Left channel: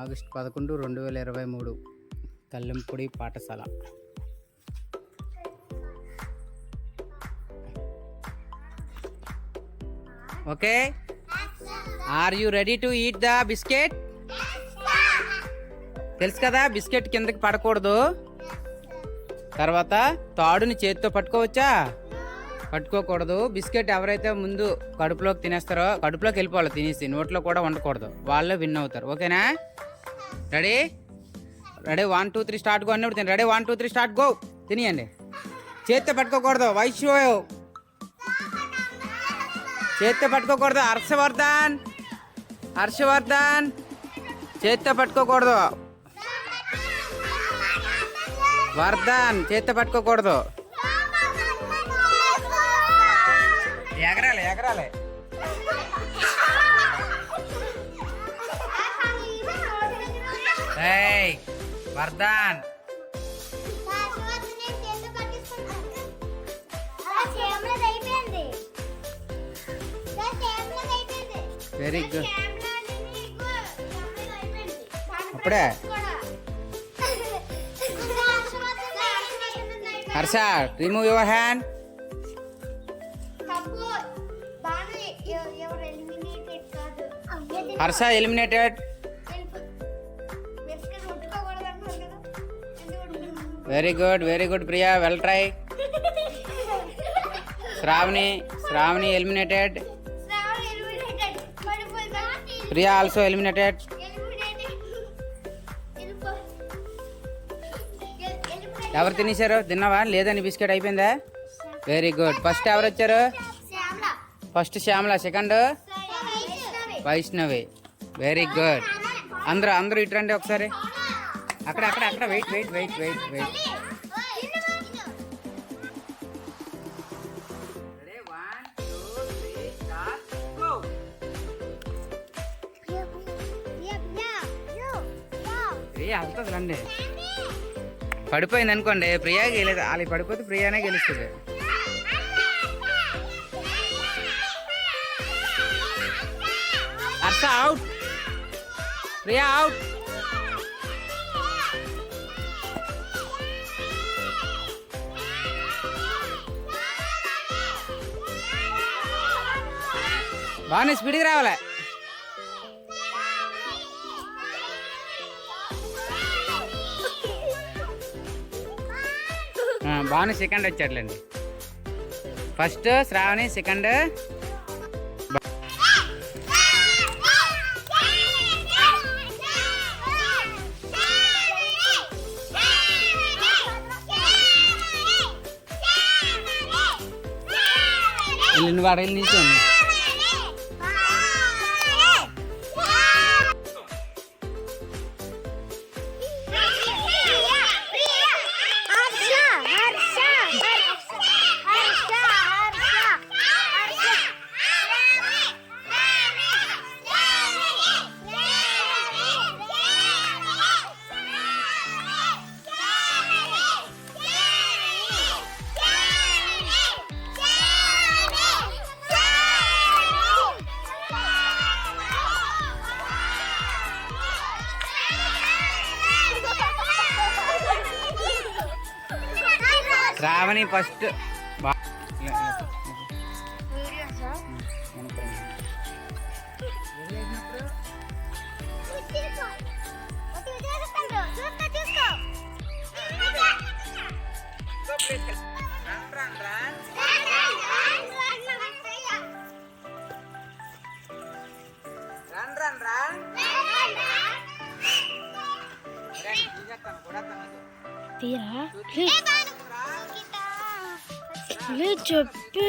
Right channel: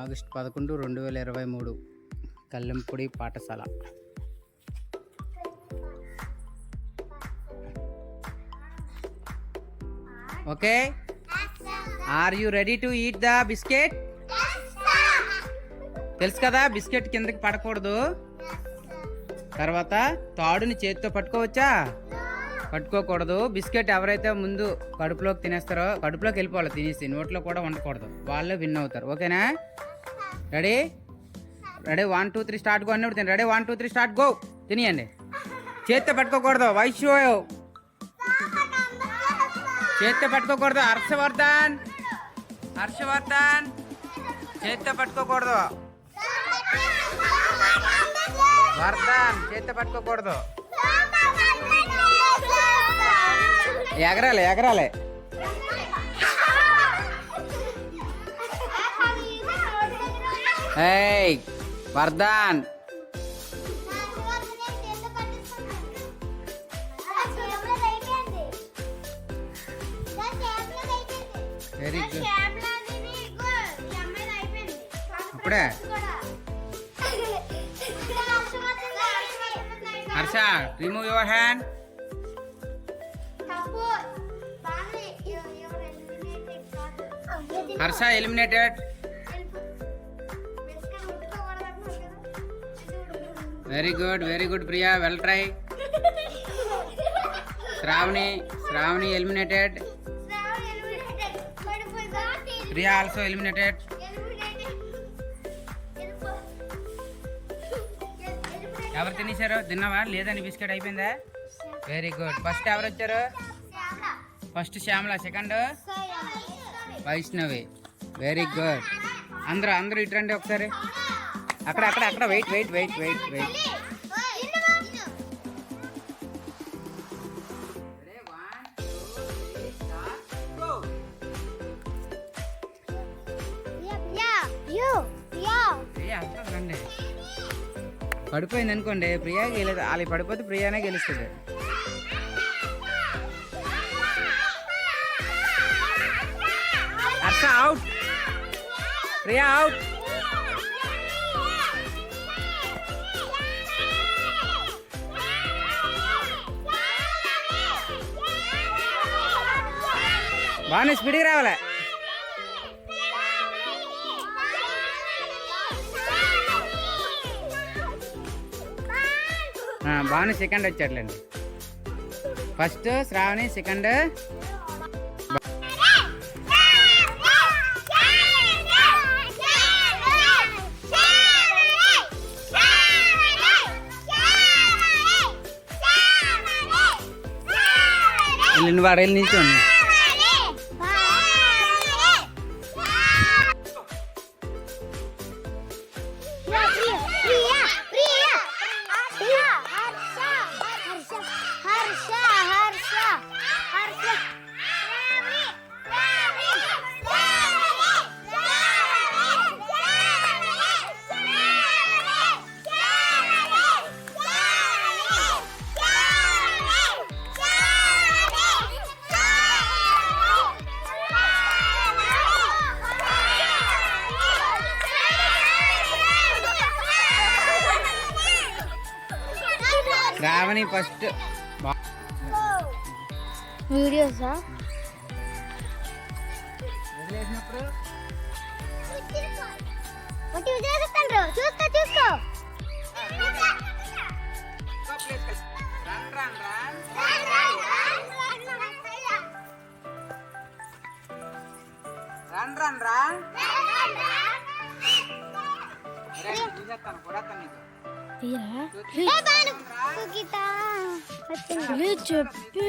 August 11, 2023 Kallempudi పాఠశాల. Okay, are you ready to eat the biscuit? తెలుసు కదా, బిస్కెట్ కిందకి పడకూడదు. తర్వాత తాడుని చేతితో పట్టుకోవచ్చా? పట్టుకోకూడదు. బిస్కెట్ ఎవరైతే ముందు కడుపులోకి తినేస్తారో, కడుపులోకి వెళ్ళిపోవాలి తినేసి, నోట్లో కూడా ఉండకూడదు, వాళ్ళే విన్ అవుతారు. ఓకేనా? రెడీ? రెడీ, 1 2 3 స్టార్ట్ గో అన్నప్పుడు తిని. Ready, 1 2 3 start go. తినియండి. చేతితో పట్టుకోకూడదు. వైశ్యో చేతితో పట్టుకోకూడదు. హర్షవర్ధన్, హర్షవర్ధన్ చేతితో పట్టుకోకూడదు. వర్ధన్ చేతితో పట్టుకోకూడదు. ఎగరాలి ఎగరాలి. ఏయ్ వర్ధన్, వెరీ గుడ్. అప్పుడే Harsha, remove your hand. Harsha eliminated. Very good, very good Priya, well try. Shravani, Shravani eliminated. Priya also eliminated. ఎవరు తినేశారు? తిన్నావా? లేదని బిస్కెట్ అయిపోయిందా? Very good. ఫస్ట్ ఎవరు వచ్చారు? First Shyamala, second Vaishnavi. Very good. అందరూ అందరూ ఇటు రండి ఒకసారి. అక్కడ అక్కడ అక్కడ wait wait wait wait wait. రండి. పడిపోయింది అనుకోండి, ప్రియా గెలేదు. వాళ్ళకి పడిపోతే ప్రియానే గెలుస్తుంది. Harsha out, Priya out. బాగానే స్పీడ్గా రావాలా. బాగానే సెకండ్ వచ్చాడులేండి. ఫస్ట్ శ్రావణి, సెకండ్ నువ్వు అడగలు నిల్చోండి. శ్రావణి ఫస్ట్. వీడియోసా? చెప్పు.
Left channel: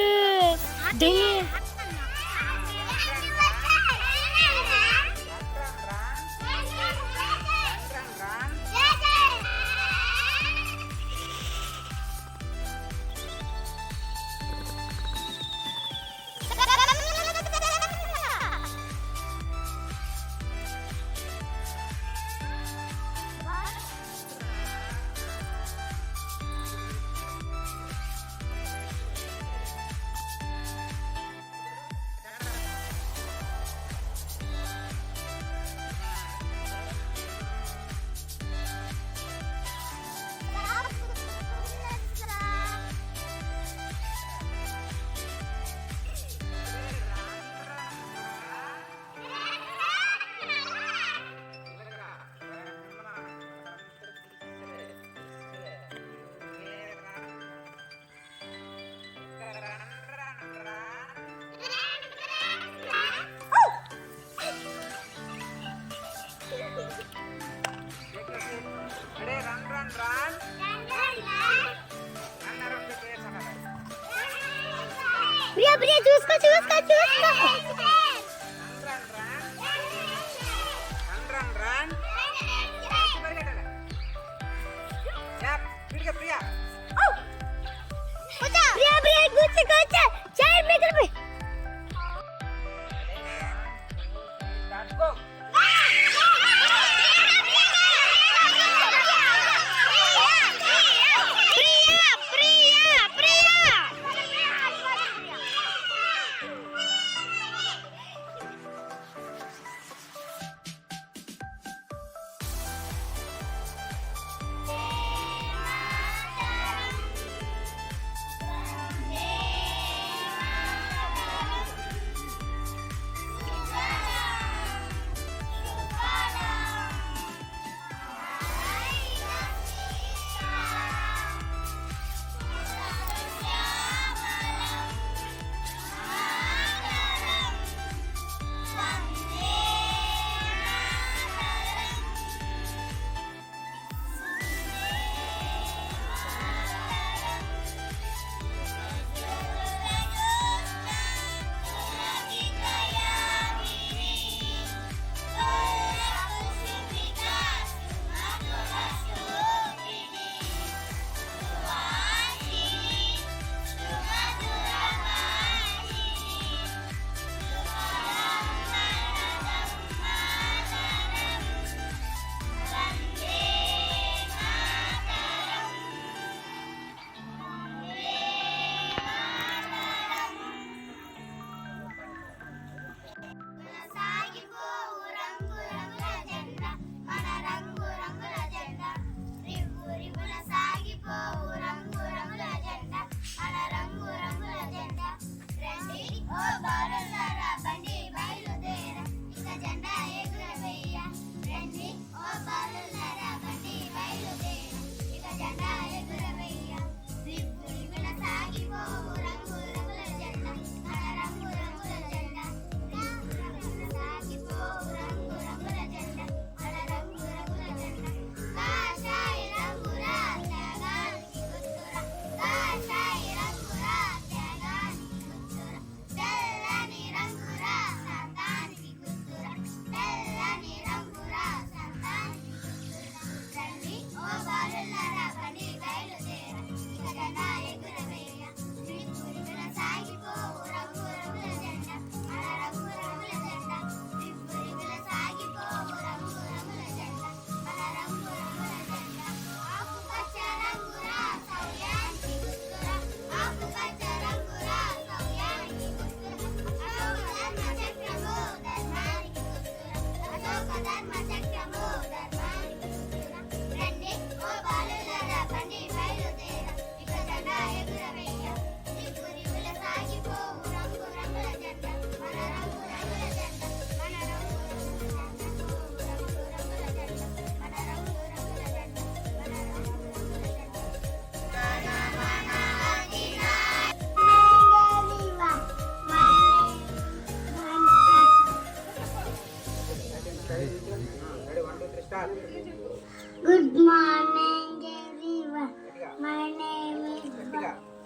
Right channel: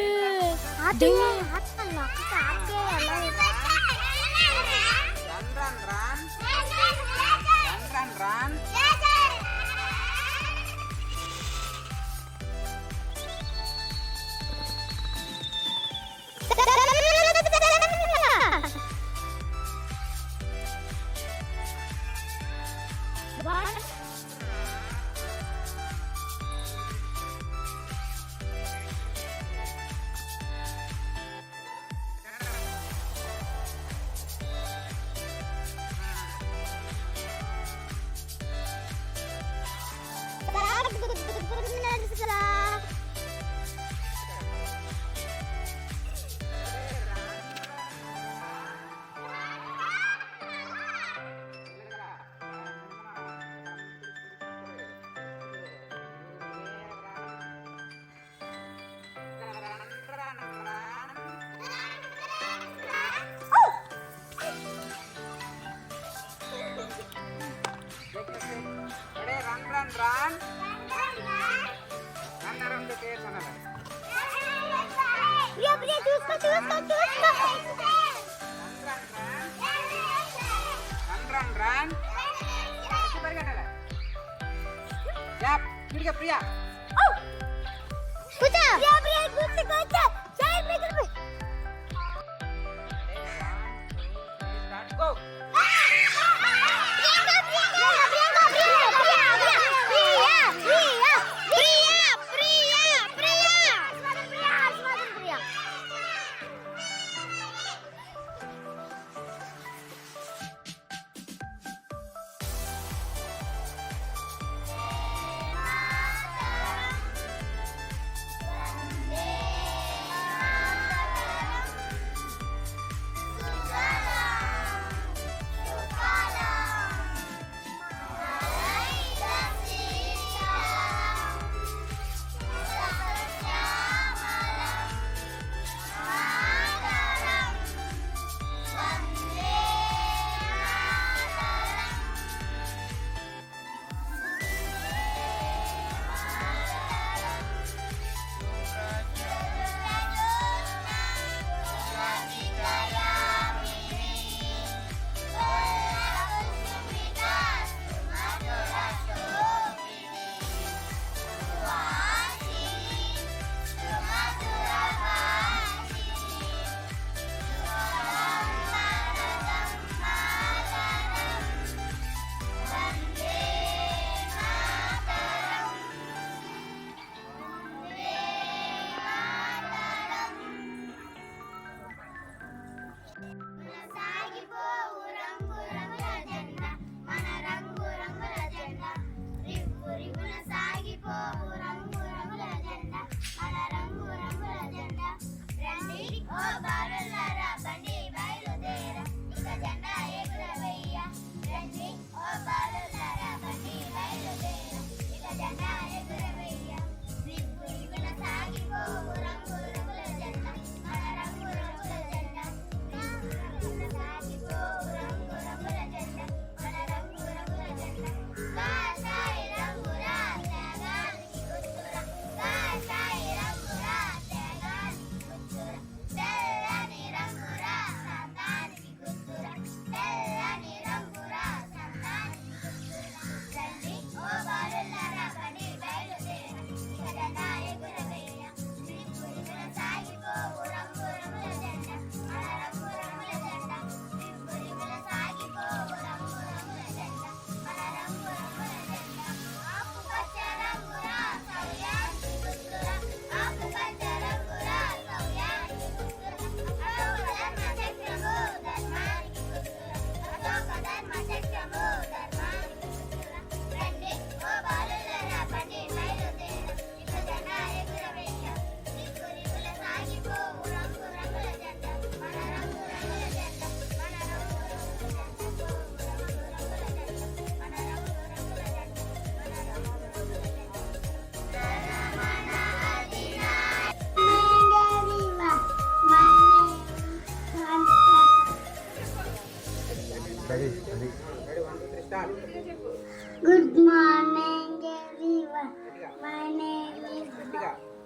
Good morning, everyone. My name is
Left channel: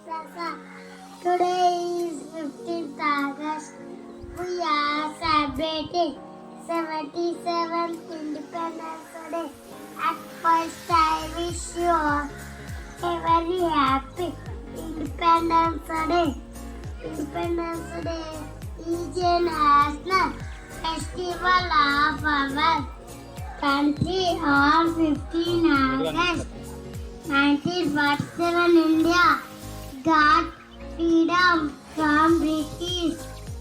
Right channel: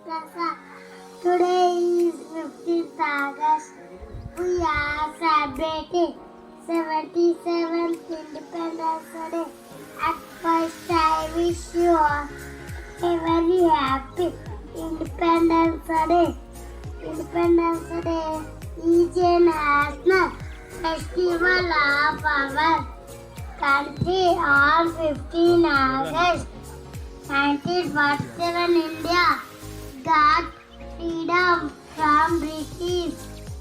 Sasa. Today is 15th August. We are celebrating 77th Independence Day. At first, I wish you all a very happy Independence Day. Independence Day is a national festival of our country on 15 August 1947. India got freedom from British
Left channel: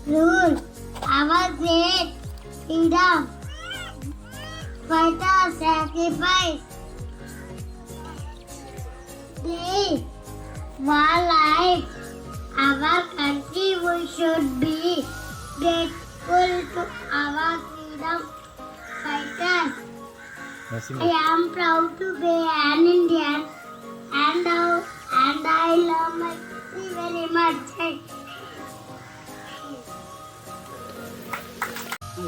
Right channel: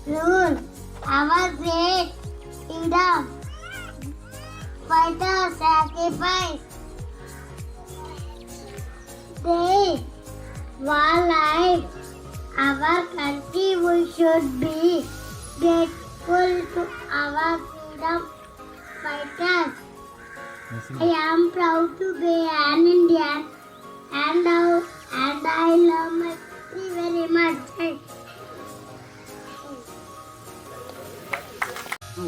rule. Our great freedom fighters sacrificed their life. Our country, we should be grateful to our freedom fighters. I am proud to be an Indian and I love my country very much.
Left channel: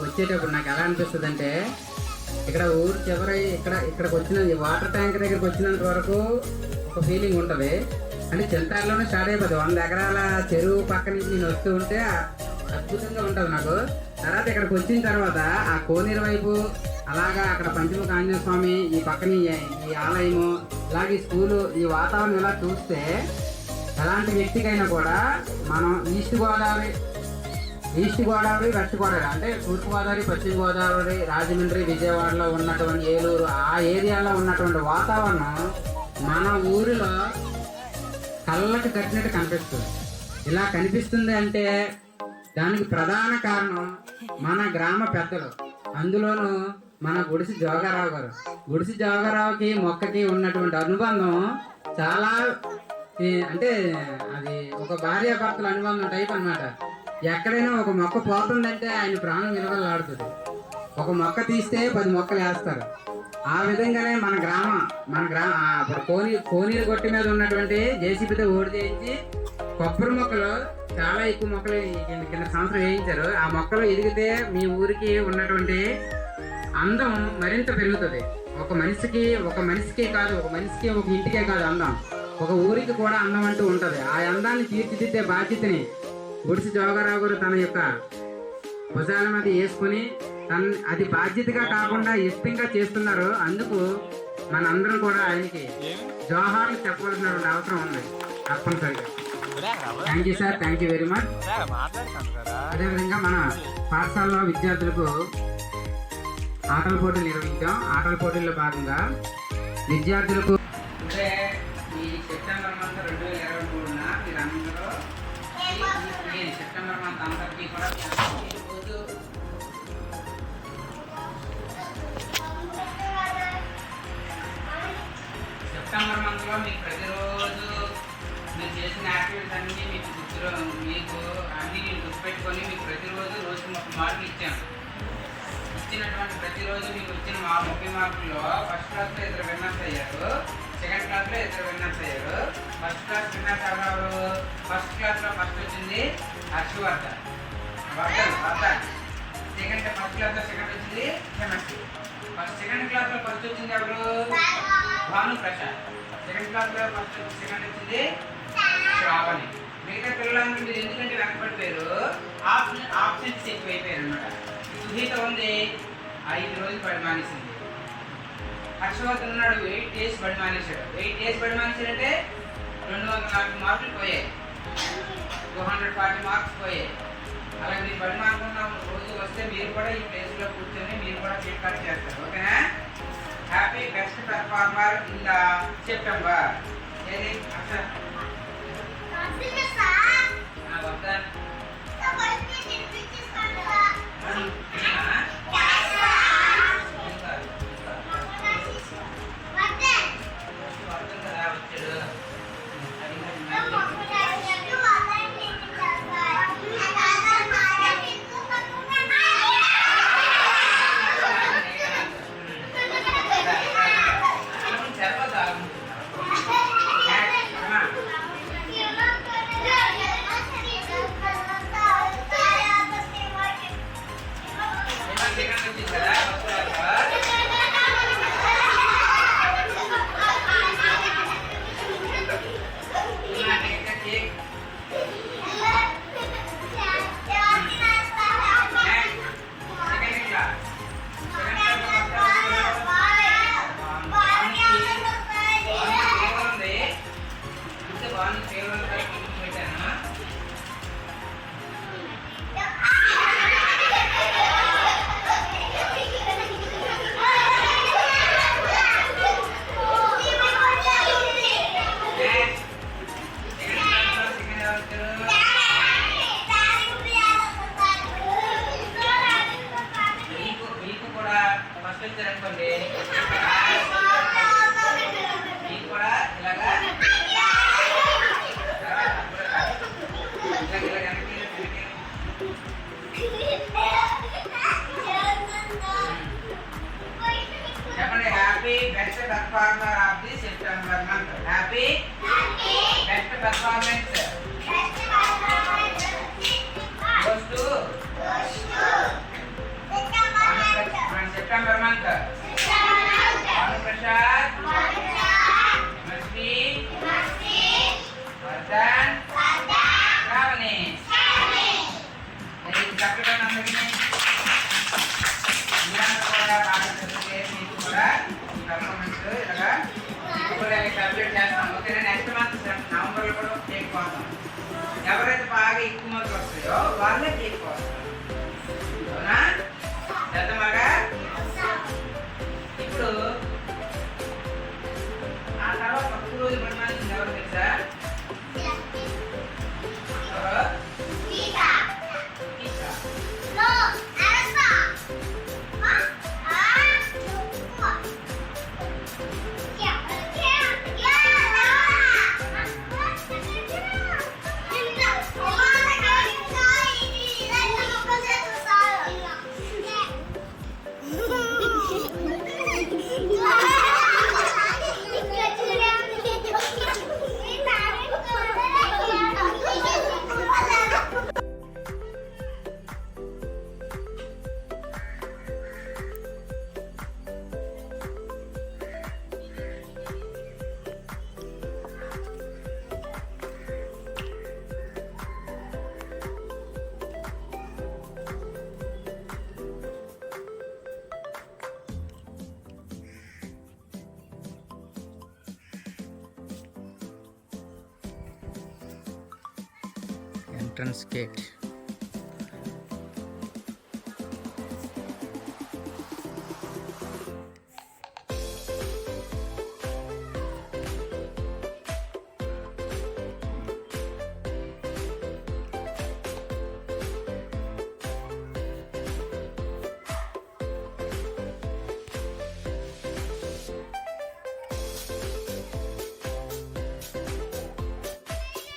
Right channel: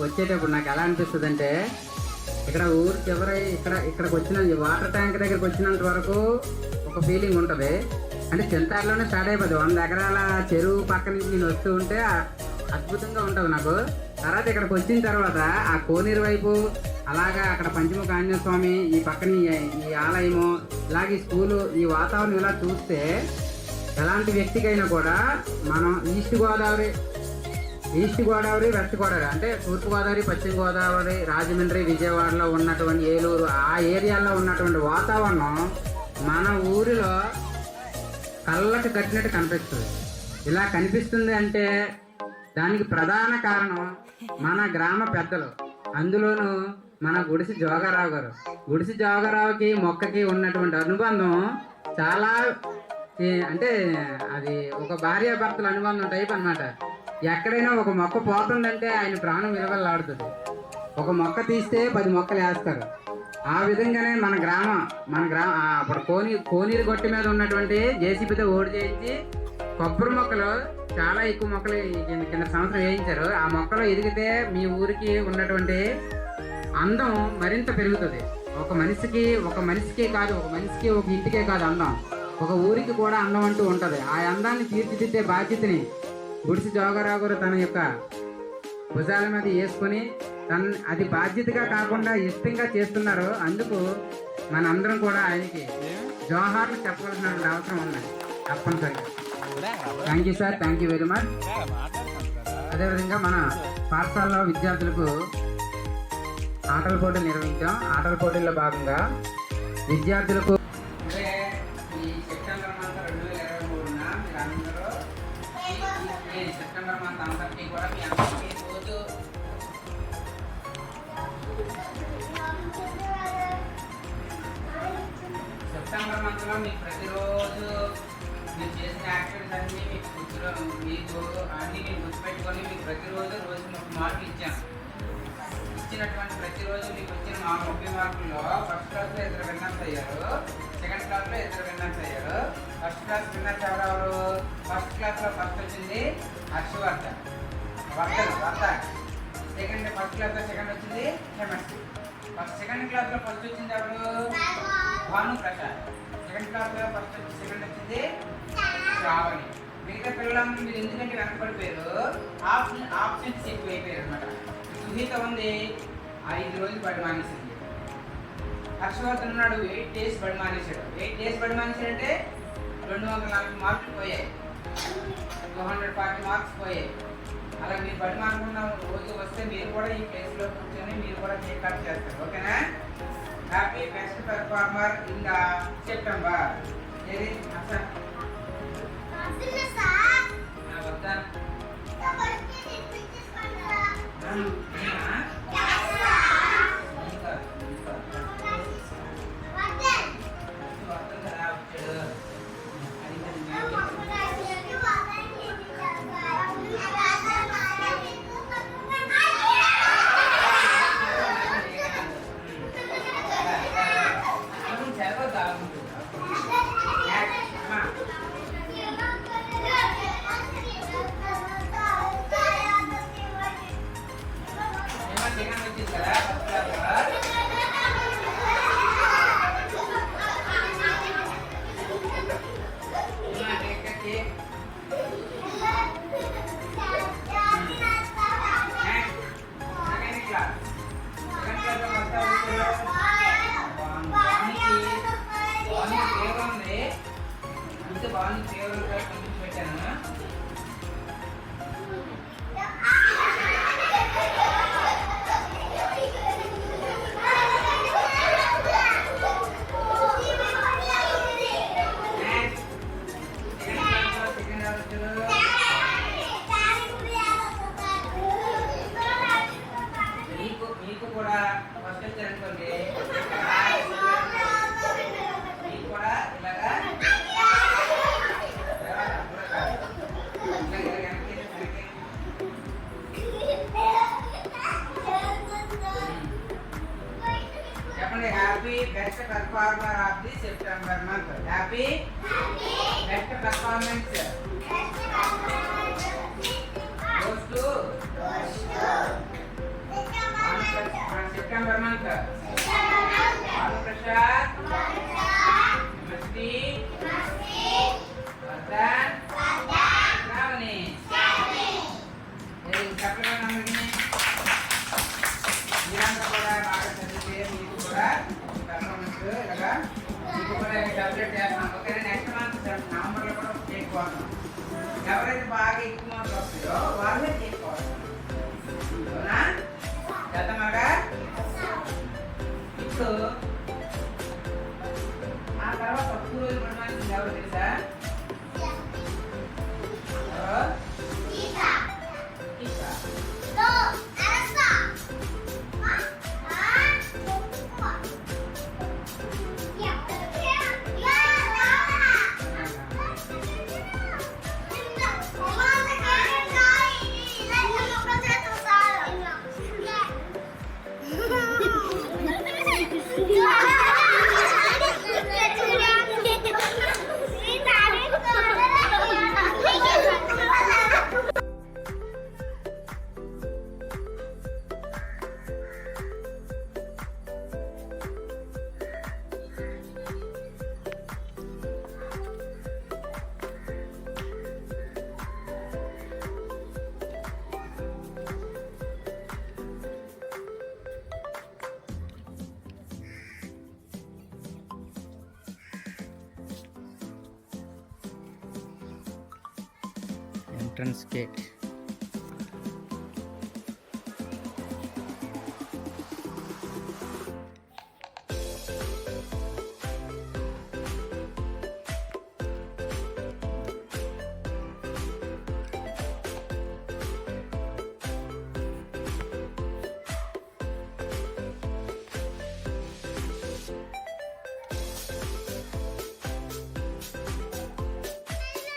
వచ్చేటప్పుడు నాకు ఎలా అనిపిస్తుంది అంటే ఇక్కడ ఊరు చివరి ఇక్కడికి వచ్చిన వాటర్ ట్యాంక్ దగ్గరికి వచ్చినంత వరకు ఒక ఫీలింగ్ ఉంటుంది. అంటే చింతారులోనే స్టార్ట్ అయిపోతుంది. 100 ఎకరాల చెరువు పక్క నుంచి నేను వస్తూ ఉంటే అద్భుతంగా ఉంటుంది నాకు. తర్వాత ఇక్కడికి వచ్చిన తర్వాత ఆ కోనేరు వైపు, అలాగా అక్కడ పంచముఖ ఆంజనేయ స్వామి, ఈ పక్కన ఈ ఆలయము, ఇలాగే ఈ స్కూలు, ఈ వాతావరణం ఇలా చూస్తే ఎలాంటి వ్యక్తికైనా కూడా మనం ఈస్ట్ గోదావరి, వెస్ట్ గోదావరి అంటే తూర్పు గోదావరి, పశ్చిమ గోదావరి, రాజమండ్రి, విజయవాడలో ఉన్నటువంటి ఏలూరు ఆ ఏరియాలో ఉన్నటువంటి వాతావరణం మన ఊరిలో కళ్ళకి కట్టినట్టు కనిపిస్తుంది. ఇలా కనిపిస్తుంది అంటే దానికి ప్రధాన కారణం మన గ్రామ పెద్దలు, అందులోనూ మన గుడిసి జోగారావు గారు. గుడిసి జోగారావుకి మొక్కకి ఉన్నటువంటి అనుబంధం చాలా, అంటే అది ఒక భార్యాభర్తల అనుబంధం టైప్ అన్నమాట. ఎక్కడైనా ఒక మొక్క పోతుందంటే ఆయన ప్రాణం విలువలాడుతుంది. ఒక మొక్క తీస్తే 10 మొక్కలు వేస్తారు. ఆ విధంగానే మన అప్పుడు కోనీరు గొట్టి మీద ఉన్నటువంటి జేసీబీతో ఓడి చేయించి కొబ్బరి మొక్కలు, చాలా ఎక్కువ మొక్కలు కింద సంవత్సరం వేయించారు. ఆ మొక్కలు ఎదిగితే మీ ఊరికి ఉన్నటువంటి అందం మరింత పెరుగుతుంది. ఒక మనిషికి కాదు, ఒక ఇంటికే కాదు అందం, ఒక ఊరికి కూడా అందం అంటూ ఉంటుంది. ఆ అందాన్ని తీర్చిదిద్దే బాధ్యతని గుడిసి జోగారావు గారు తన యొక్క భుజాల మీద వేసుకుని అది బాధ్యతగా కాకుండా ఇష్టంగా చేస్తున్నారు. అందుకు మనందరం కూడా ఆయనకి జోహార్లు చెప్పవలసినటువంటి అవసరం ఉంది తప్పనిసరిగా. Thank you sir, thank you very much. అదేవిధంగా మన పాఠశాలలో విద్యార్థులకు ఆటల పోటీలు నిర్వహించాం. ఆటల పోటీల్లో భాగంగా విద్యార్థులకు ఈ సెప్టెంబర్ మంత్ 2023న మీరందరూ సెప్టెంబర్ మంత్ అందరికీ కూడా సెప్టెంబర్ మంత్లో మీకు ప్రతిరోజు మీరు చేసిన యాక్టివిటీస్ అన్నీ మీకు గుర్తులో అన్నీ నేను గుర్తుపెట్టుకొని మీకు ప్రతిరోజు రోజుకి 30 మార్కులు ఇచ్చాను. ఇచ్చినటువంటి ప్రతిరోజు మీకు వచ్చిన 30 మార్కుల్లో ఫస్ట్ క్లాస్లో 2 విన్నర్స్ అయ్యారు, సెకండ్ క్లాస్లో 2 విన్నర్స్ అయ్యారు. ఫస్ట్ క్లాస్ విన్నర్స్ ఎవరు? ఫస్ట్ క్లాస్లో ఫస్ట్ వచ్చింది హర్షవర్ధన్. ఫస్ట్ క్లాస్లో సెకండ్ వచ్చింది కెమిస్ట్రీ. సెకండ్ క్లాస్లో ఫస్ట్ వచ్చింది ఎవరు? భాను ప్రసాద్. సెకండ్ క్లాస్లో సెకండ్ వచ్చింది శ్రావణి. మిగతా పిల్లలందరూ మీరు ఎందుకంటే వెనకబడిపోయారు, ఆప్షన్స్ ఎక్కువ అయిపోయారు అనమాట. సునీత ఉంది 5 రోజులు బడి మానేసింది. హర్షవర్ధన్ ఉన్నాడు 8 days బడి మానేశాడు. 8 days బడి మానేశాడంటే 240 మార్కులు పోయాయి, 240 మార్క్స్ పోయాయి. అలాగే మీరు బడి మానుకున్న రోజు వస్తే మీరు కూడా ఈ ప్లేస్లో కూర్చొని మీరు కూడా కేక్ కట్ చేస్తారు. ఓకేనా? Happy best performer in the September. ఏది అసలు వద్దా మీకు కూడా ఫస్ట్ వచ్చారనుకోండి, మీకు కూడా ఇలాగా చెప్పండి. Happy best performer of the September month. Happy best performance goes to September month. చెప్పండి అందరికీ. మీరందరూ కూడా బాగా చదివితే మీకు కూడా పర్ఫార్మెన్స్ ఇలాగా మీకు కూడా సెలబ్రేట్ చేస్తాం. ఓకేనా? నెక్స్ట్ మంత్ నవంబర్లో కూడా కేక్ కోస్తాం. ఎవరైతే బాగా ఎక్కువ మార్కులు వస్తాయో వాళ్ళే కేక్ కోస్తాం. అవునా? చేద్దామాగా? ఇప్పుడు ఆ తర్వాత ఒక రోజు పడిన ఎవరు తెలుసా? ఎవరు? Esha. Entrance gate.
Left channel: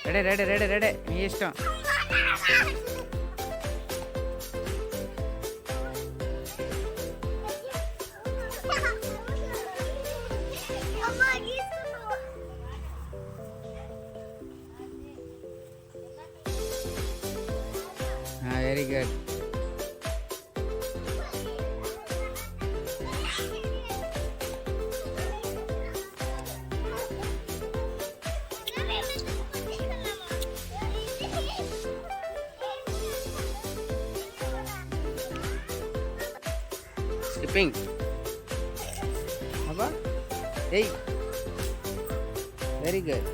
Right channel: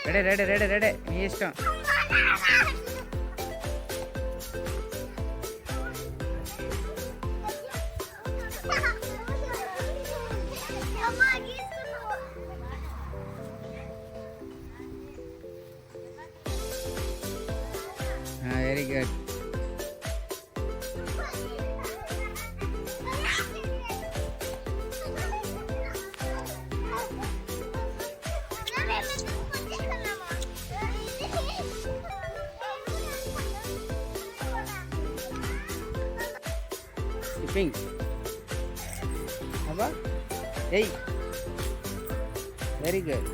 Ready ready ready ready, మీ ఇష్టం. Very good. స్కిప్పింగ్. అబ్బా, ఏయ్, వెరీ గుడ్.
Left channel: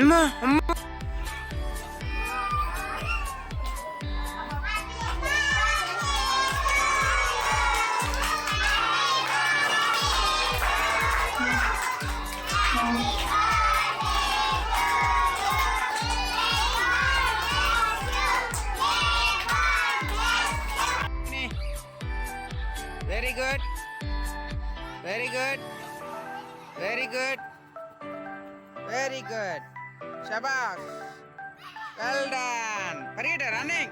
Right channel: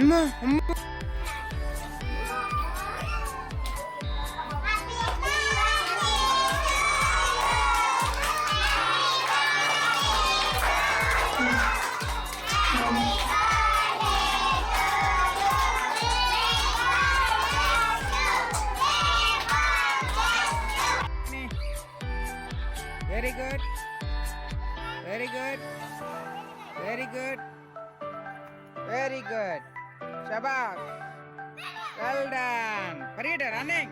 అమ్మా అమ్మా, very good very good very good very good. Shabash. Well done. Parida, running.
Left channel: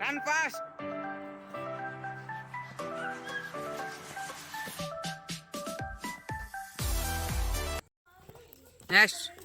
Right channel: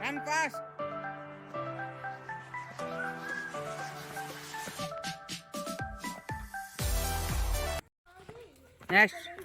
Run fast. Next.